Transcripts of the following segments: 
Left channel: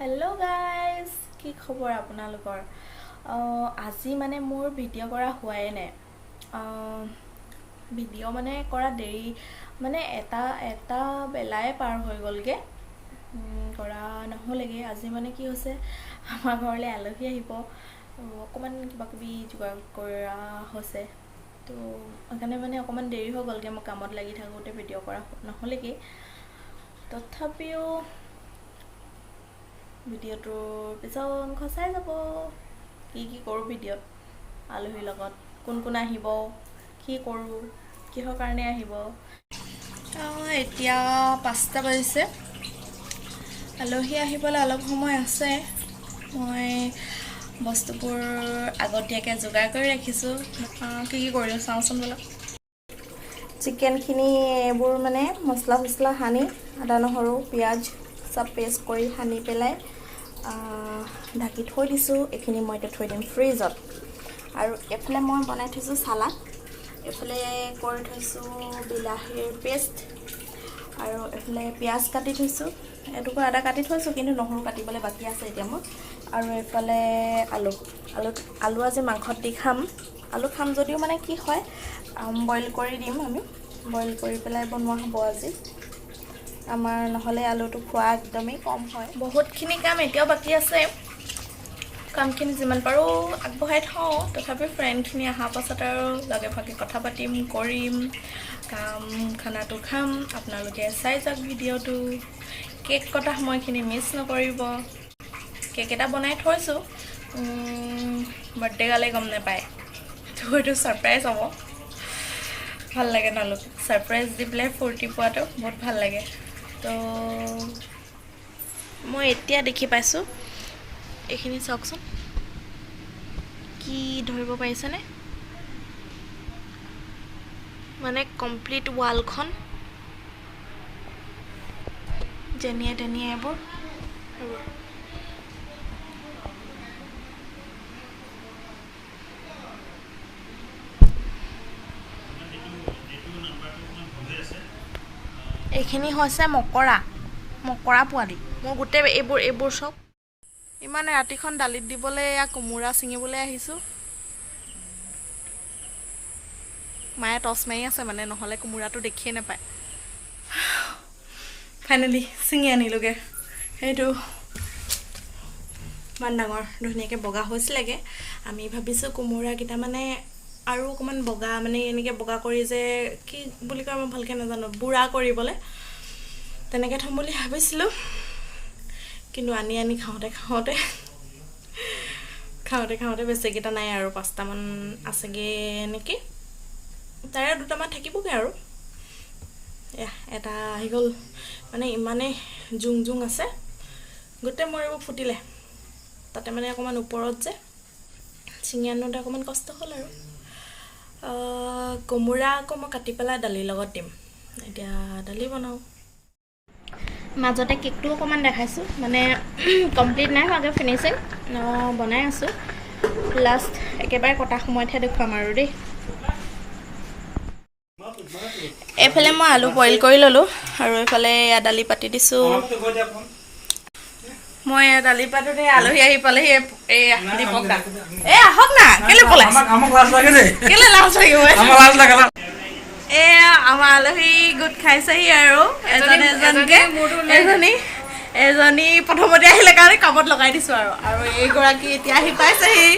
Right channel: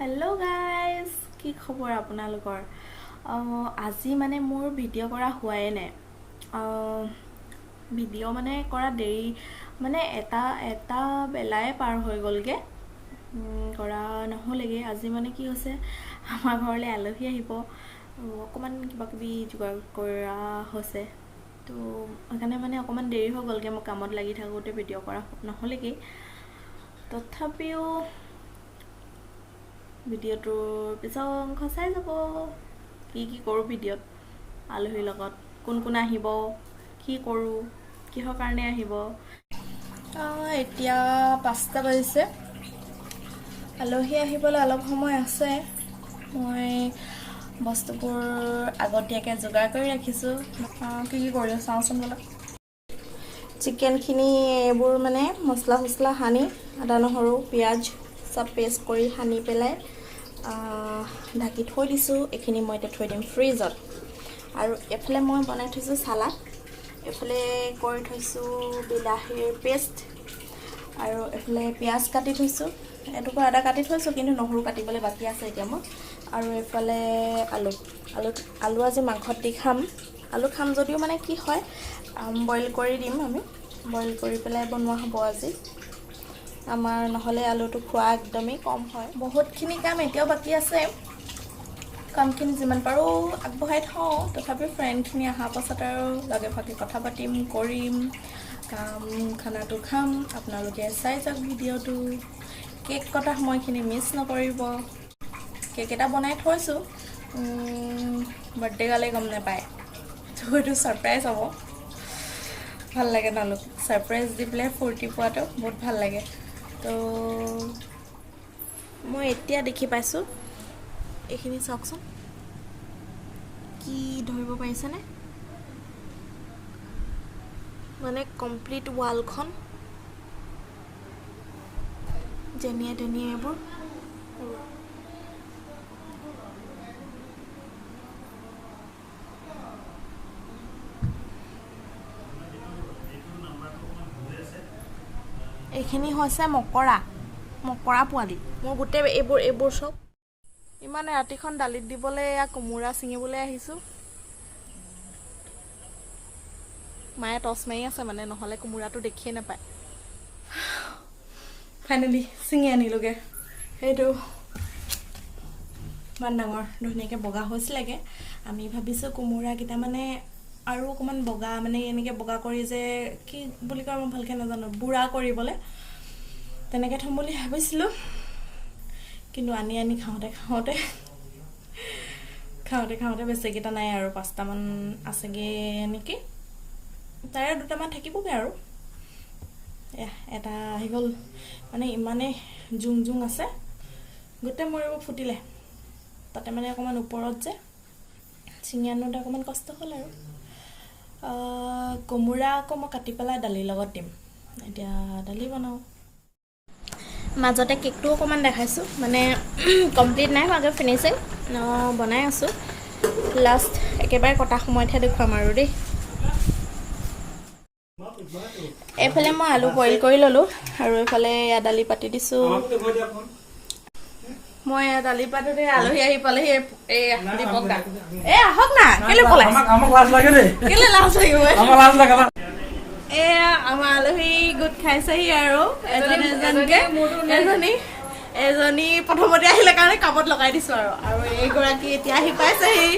Hello guys কি খবৰ আপোনালোকৰ আজি মানে মোৰ ভিডিঅ' কৰা হোৱাই নাই ভিডিঅ' মানে কৰা দেৰি মানে এটা বেলাই পাৰ হৈ গ'লগে কৰা নহ'লেগে আজি মানে কি হৈছে আমাৰ ঘৰলৈ আলহী আহিব অকমান কিবা কিবি যোগাৰ কৰা হৈছে তো সেইকাৰণে মানে অকমান দেৰি হৈ গ'লগে মই কামত লাগি থাকোঁতে ভিডিঅ' কৰা নহ'লেগে তথাপিও ভিডিঅ'টোৰ পিছৰ অংশ চাই যাব কি কৰোঁ ভিডিঅ'ত আলহীৰ লগত কোন আহিব কি কৰোঁ কিহৰ কাৰণে আহিব এতিয়া 5টা বাজিছে আলহী আহিবলৈ অলপ সময় আছে মই বস্তুবোৰ আগতীয়াকৈ যোগাৰ কৰি ৰাখিছোঁ কি কৰিলোঁ চাওঁচোন বলক চিকেনখিনি এইবোৰ মানে মছলা সানি আদা নহৰু পিঁয়াজ সব পেষ্ট কৰি সানি পেলাই ঢাকি থৈ দিছোঁ এইখিনি মই এতিয়া থৈ দিম ফ্ৰিজত আৰু এফালে মই বনাই থৈছোঁ সালাড এফালে কৰি থৈছোঁ বিলাহীৰ পেষ্ট আৰু এফালে পিঁয়াজ কাটি থৈছোঁ এটুকুৰা আদা কাটি থৈছোঁ কিন্তু নহৰু কাটিবলৈ বাকী আছে এতিয়া মই আৰু এফালে আলু আজি মাংসত দি খাম আলু খাম যদিও মানে কি হয় বইল কৰি দিম আমি বইল কৰি পেলাই বনোৱা হ'ব আজি আমাৰ নহলে আলুটো খোৱা একদমই কম হয় বহুতখিনি কাম এতিয়াও বাকি আছে কামখিনি যিমান পাৰো আগবঢ়াই থওঁ তথাপি ফ্ৰেণ্ডখিনি অহাৰ পাছত আৰু লগে ভাগে কথা পাতিম কৰিম খানাটো খাম আপোনালোকে চাই যাওক ভিডিঅ'টো কেক কটা সময়খিনি মিছ নকৰিব কেক এটা বনাই থৈছোঁ বাৰ্থডে গালে গম নাপায় তো এইটো ছাৰপ্ৰাইজ হ'ব ভাল লাগে তেওঁলোক ছাৰপ্ৰাইজ দি পেলাই ফূৰ্তি পোৱাটো বহুত ভাল লাগে তো মই এতিয়া দেখি পাইছোঁ এইখিনি চাওকচোন কি ধৰিব পাৰিছেনে মানে কমপ্লিট ৱালখন যেনিয়ে তেনিয়ে এইবোৰ এইখিনি হৈছে মকৰা পোৱালি মোৰ গোটেই এইবোৰ চব ইমান ৰাতিখন দালিত দিবলৈ এয়া কোমোৰা ছিঙিবলৈ আহিছোঁ মায়ে টচ মাৰি আছে মানে নহ'লে কোমোৰাটো দেখিয়ে নাপায় ফাইনেলি ছিঙি আনিলোগে সেইটো ইমান ডাঙৰ ধুনীয়াকৈ বগা হৈছিলেগে আমি ভাবিছোঁ কোমোৰাকেইটা মানে আৰু অকণমান বগা মানে এনেকৈ বগা কৰি যে কি বুলি কয় মই ভালকৈ নাজানো বুঢ়া কৰিবলৈ তেনেকৈ থ'ম বুলি ভাবিছিলোঁ কিন্তু আনি খাওঁতে বেছিকেইটা নাই আৰু 5টামান আছেগৈ নেকি তাৰে 2টামান থাকিবগৈ আৰু এটা আহি গ'ল মানে ইমানেই জুং আছে গোটেই মৰিব ফুটিলে তাতে মানে অকণমান ওপৰত যে ছিঙি আনোতে অকণমান কষ্ট হ'ল আৰু কোমোৰা আকৌ মই কাটি পেলাই দালিৰ লগত দিম এতিয়া দালি বনাওঁ মাজতে কেকটো অকণমান দেখাইছোঁ মানে কমপ্লিট নাই হোৱাগৈ ফিনিচিং বনাই আছোঁ লাষ্ট একেবাৰে কটা সময়তহে দেখুৱাম আৰু দেই এইফালে মই আলু বইল কৰি ল'লোঁ আৰু এইফালে দালি পাতি দিছোঁ মই দালি পাতোতে আলহী আহি পালেহি দীপক দা আহক না কেলে পলাইছে কেলে লাজ লাগিব আমাৰ আলহী গোট খাইছেহি আৰু এজনী প্ৰথমতে আহিলে কাৰণে কামত লগাই দিছোঁ আৰু এইগৰাকী এতিয়া আহি পাইছেহি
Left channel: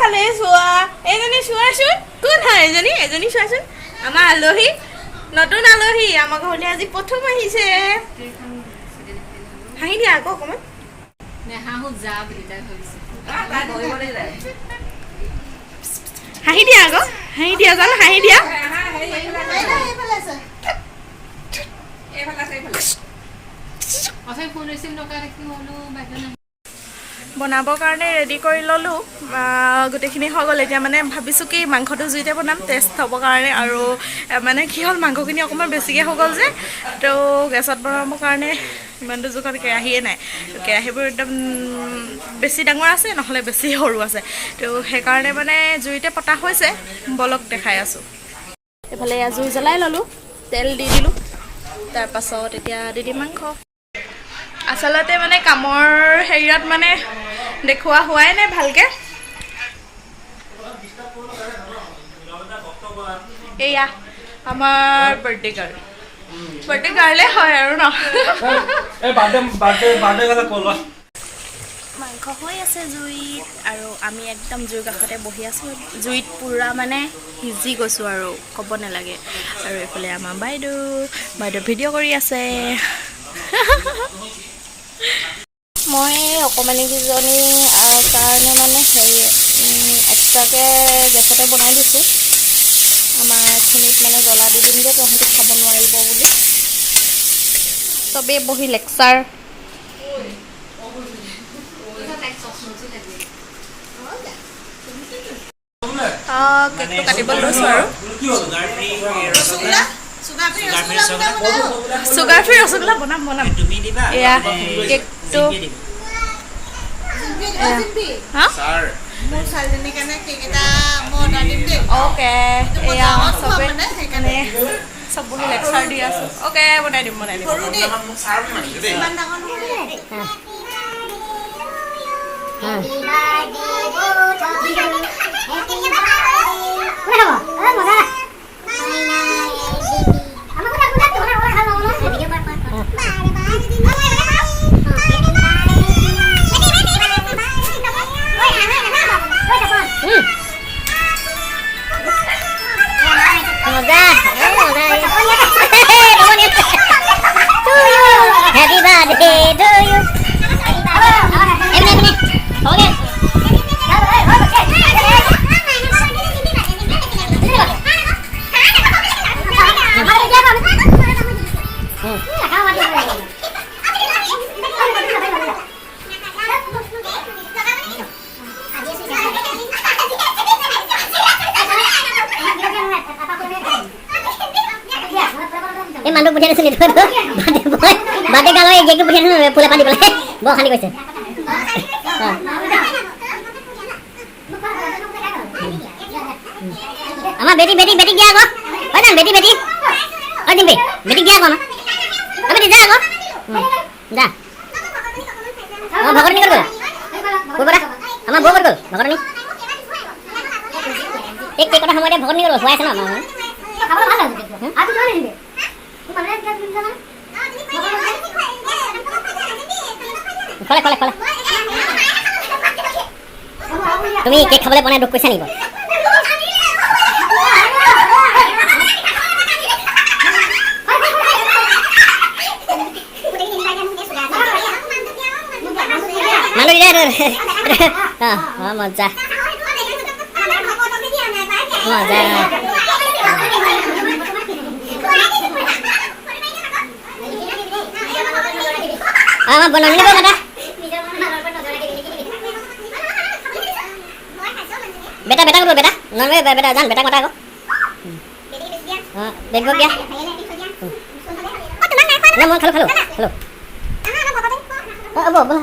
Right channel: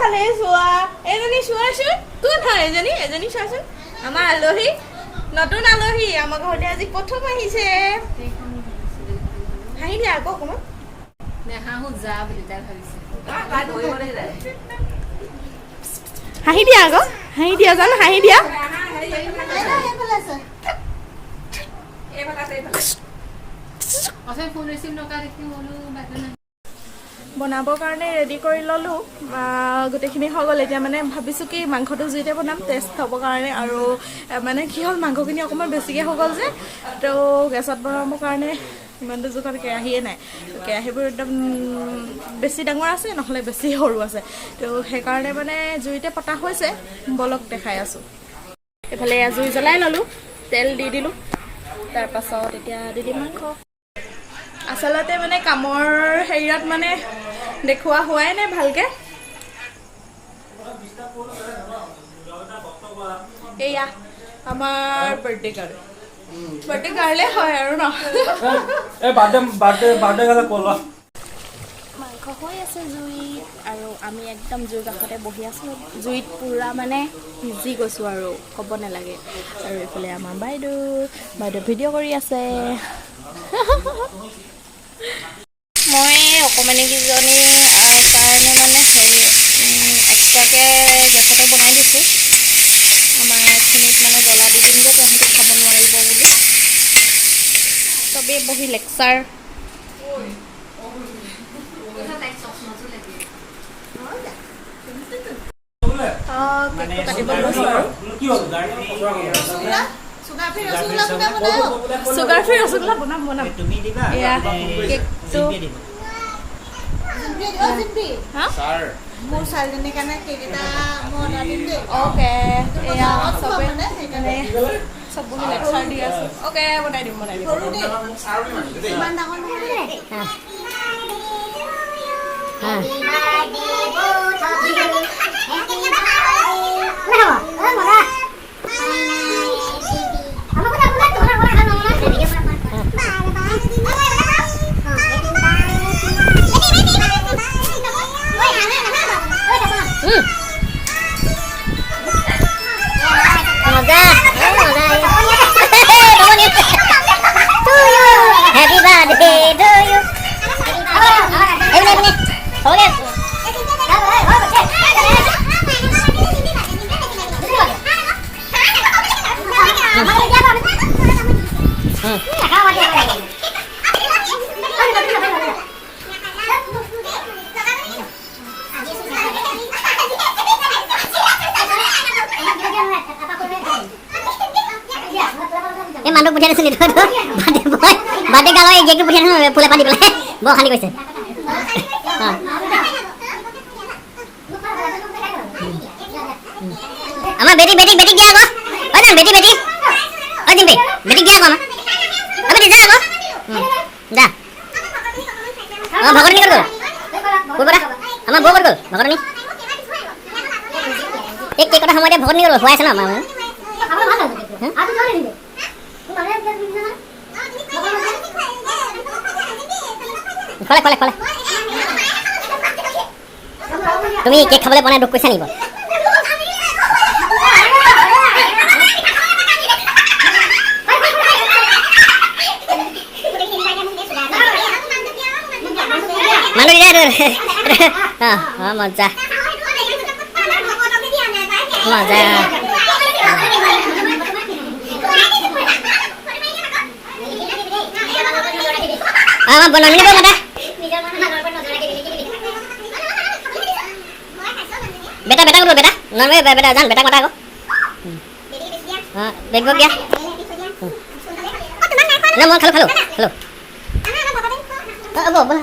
ভালে চোৱা এজনী চোৱাচোন কোন হয় এজনী চোৱাচোন আমাৰ আলহী নতুন আলহী আমাৰ ঘৰলৈ আজি প্ৰথম আহিছে হাঁহি দিয়া আকৌ অকণমান হাঁহি দিয়া আকৌ হাঁহি দিয়া জানো হাঁহি দিয়া বনাবৰ কাৰণে ৰেডি কৰি ল'লোঁ গোটেইখিনি হৈ গ'ল এতিয়া মানে ভাবিছোঁ কি মাংসটো জুইতে বনাম টেষ্ট হ'বৰ কাৰণে আৰু মানে কি হ'ল মাংসখিনি অকণমান বেছিকৈ হৈ গ'ল যে তো গেছত বনাবৰ কাৰণে ইমানটো জোখত কেৰাহীয়ে নাই কেৰাহীবোৰ একদম বেছি ডাঙৰ আছে নহ'লে বেছি সৰু আছে তো সেইকাৰণে মানে জুইতে পতা হৈছে বলক দেখাই আছোঁ এইফালে জুই জ্বলাই ল'লোঁ তেল দি দিলোঁ তাৰপাছত এতিয়া দি দিম মাংস আচলতে মানে কামৰ হেৰিয়ত মানে দেখুওৱা হোৱাই নাই ভালকে। এয়া আমাৰ বাৰ্থডে গাৰ্লে হয় আৰু ন। মাংস হৈ আছে জুইত আৰু আমি একদম জুইৰ কাষতে বহি আছোঁ। জুইত পূৰা মানে সিজি গৈছোঁ আৰু ক'ব নালাগে। আৰু এইফালে আমাৰ বাইদেউ ভিডিঅ' কৰি আছে। মই অকণমানিকেইজনীৰ কাৰণে মানে হেৰি এক্সট্ৰাকৈ গেছতে বনাই দিছোঁ। আমাৰখিনিত মানে জ্বলা দি দিম যে তাহাঁতি খাব নোৱাৰিব বুলি। চবেই বহি লেকচাৰ। কেকটো কাটিব লৈছোঁ আৰু চুগাৰ ফ্ৰী ৰসগোল্লা বনাম এয়া কেকটো অ'কে এয়া চব বহি লেকচাৰ দি আছোঁ। অ'কে বনাই দিম Happy birthday to you. এই মানুহ পঠিয়াই দিছিল বাৰ্থডে গালৰ এই কেকটো পঠিয়াই দিছিল ফুলে পাতি পেলাই বৰ খালি কৈছে। আমাৰ বেটি দিয়া আকৌ হয় না বেটি অ দিম বেটি দিয়া আকৌ আমাৰ বেটি যা আকৌ যা অঁ ভগতনী ক'ত গ'ল ক'ৰপৰা আমাৰ বৌ ক'ত গ'ল ভগতনী এই কেইকটা সময়তে ভগতনী ক'ত গ'ল খুৱাই আছে ন আমাৰ খলে তুমি কেক খাবলৈ পোৱা নাই দুখ কৈছা নেকি বাৰু? মানুহ মজা আমাৰ বনানি দিব মাতা বেটা ক'ত বেটা নৰ্মে বেটা জান বেটাক মাতা আকৌ বেগ বক দিয়া না মই খালো বলো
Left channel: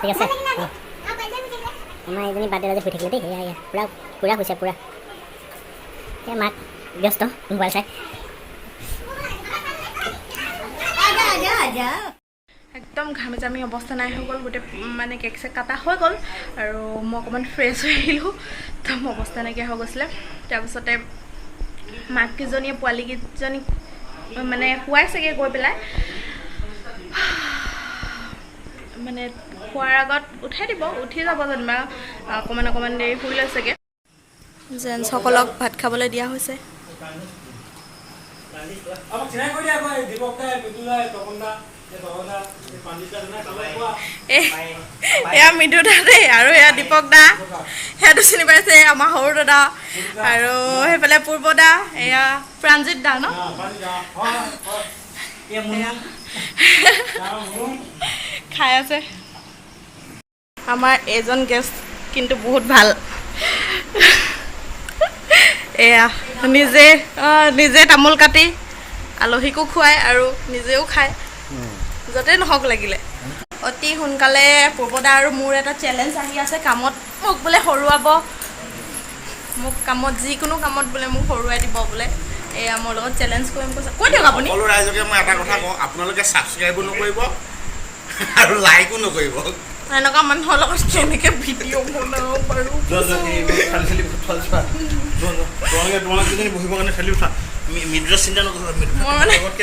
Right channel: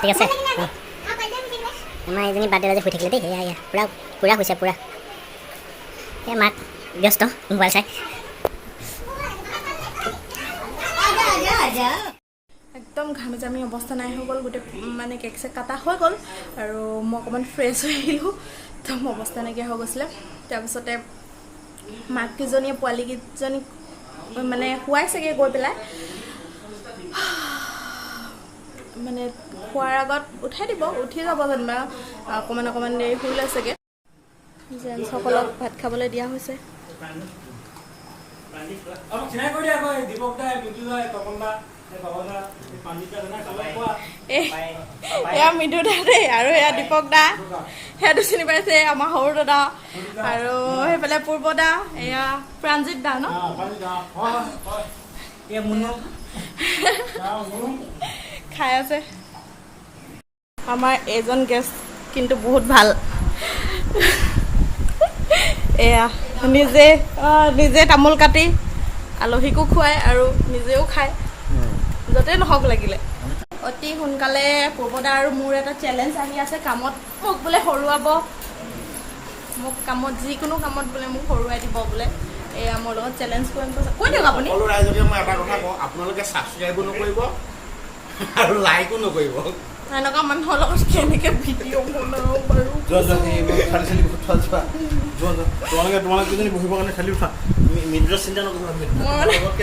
ঠিক আছে আমাৰ এজনী বাৰ্থডে আজি শুই থাকিলে দেই এয়া পুৰা হৈছে পুৰা এই মাক ব্যস্ত মোবাইল চাই একদম ঘামি জামি অৱস্থা নাই হৈ গ'ল গোটেই মানে কেক চেক কাটা হৈ গ'ল আৰু মই অকণমান ফ্ৰেছ হৈ আহিলোঁ একদম অৱস্থা নাইকিয়া হৈ গৈছিলে। তাৰপিছতে মাককেইজনীয়ে পোৱালীকেইজনীক মানে শুৱাইছেগৈ গৈ পেলাই মানে খোৱাৰ আগত উঠাই দিব উঠি যাব যেনিবা অকণমান দেৰি শুই লৈছেগৈ। জেণ্টছসকলক ভাত খাবলৈ দিয়া হৈছে। এয়া মৃদু দা দেই আৰু এয়া দীপক দা সেইটো চিনি পাইছে আমাৰ সৰু দাদা আৰু সেইফালে পূৰ্ব দা এয়া প্ৰাণজিত দা ন খাই আছে। আমাৰ এজন গেষ্ট কিন্তু বহুত ভাল এয়া নিজে তামোল কাটি আলহীকো খুৱায় আৰু নিজেও খায় য'তে নহওক লাগিলে। অতি সোনকালে পূৰ্বদা আৰু মোৰ এটা চেলেঞ্জ আহি আছে কামত মোক বোলে হৰুৱাব মোক কামত যিকোনো কামত বোলে মোক হৰুৱাই দিব বোলে এয়া মোৰ লগত চেলেঞ্জ কৰিম কৈছে কৈ দিয়ক আপুনি সকলো ৰাইজকে মই এটা কথা কওঁ আপোনালোকে ছাবস্ক্ৰাইবো নকৰিব আৰু লাইকো নকৰিব এনেকুৱা মানুহৰ লগত কেনেকৈ ভিডিঅ' বনাব পাৰোঁ তোমালোকে যদি বহিবৰ কাৰণে খেলি উঠা মিনিটৰ চিন্তা নকৰিবা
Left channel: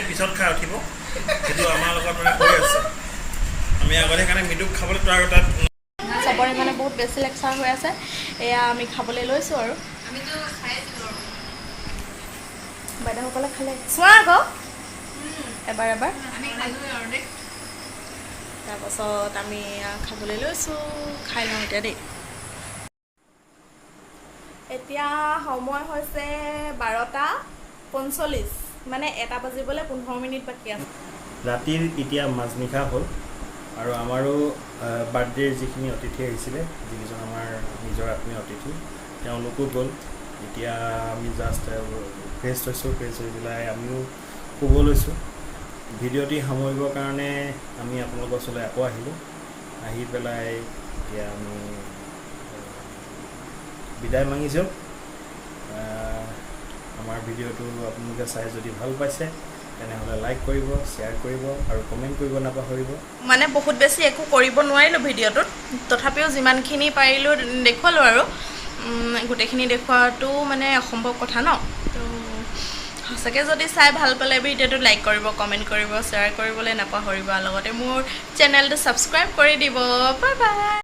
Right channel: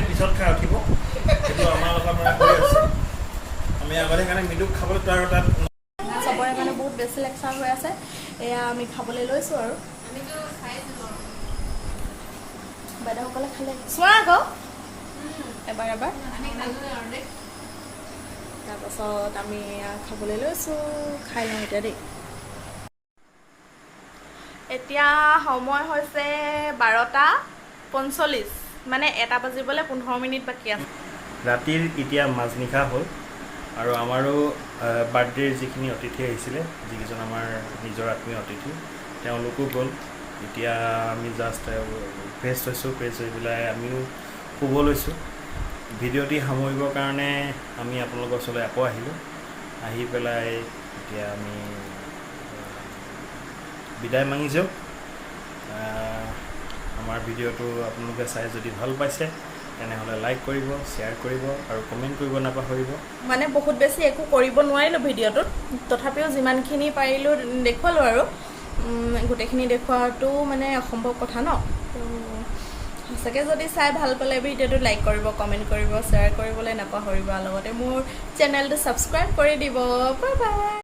পিছত খাই উঠিব সেইটো আমাৰ লগত মানে হৈ আছে আমি আগতে সেইকাৰণে মৃদুক খাবলৈ তাৰ তাত চবৰে মানে বহুত বেছি লেকচাৰ হৈ আছে এয়া আমি খাবলৈ লৈছোঁ আৰু বাইদেউসকলে খালে চোৱা আকৌ এবাৰ তাৰপাছত আমি খাবলৈ লৈছোঁ খাই লওঁ এতিয়া দেই এতিয়া সময় হৈছে 12:45 মানে 1 বাজিবলৈ 15 মিনিট বাকী আছে ৰাতিৰ এতিয়া মাজনিশা হ'ল আৰু আমাৰো বাৰ্থডেৰ যিখিনি অতিথি আহিছিলে যিকেইজন আমাৰ নিজৰ আত্মীয় অতিথি তেওঁলোকো গ'ল এতিয়া আমি জাষ্ট ফ্ৰেছ হৈছোঁ ফ্ৰেছ হৈ পেলাই আমিও শুব লৈছোঁ ভিডিঅ'টি সামৰিবৰ কাৰণে আমি আপোনালোকৰ ওচৰলৈ আকৌ আহিলোঁ আহি পেলাই এতিয়া আমি বিদায় মাগিছোঁ আমাৰ ভিডিঅ'টো আপোনালোকে চাই যদি ভাল পাইছে তেনেহ'লে লাইক কৰিব শ্বেয়াৰ কৰিব আৰু কমেণ্ট কৰিব নাপাহৰিব মানে বহুত বেছি একো কৰিব নোৱাৰিলোঁ ভিডিঅ'টোত তথাপিও যিমানখিনি পাৰিলোঁ দেখুৱালোঁ আৰু গোটেইখিনি দেখুৱাটো মানে অসম্ভৱ কথা ন তো সঁচাকৈ যদি চাই ভাল পালে ভিডিঅ'টো লাইক কৰিব কমেণ্ট কৰিব শ্বেয়াৰ কৰিবলৈ নাপাহৰিব লগতে মোৰ চেনেলটো ছাবস্ক্ৰাইব কৰি দিব বাই বাই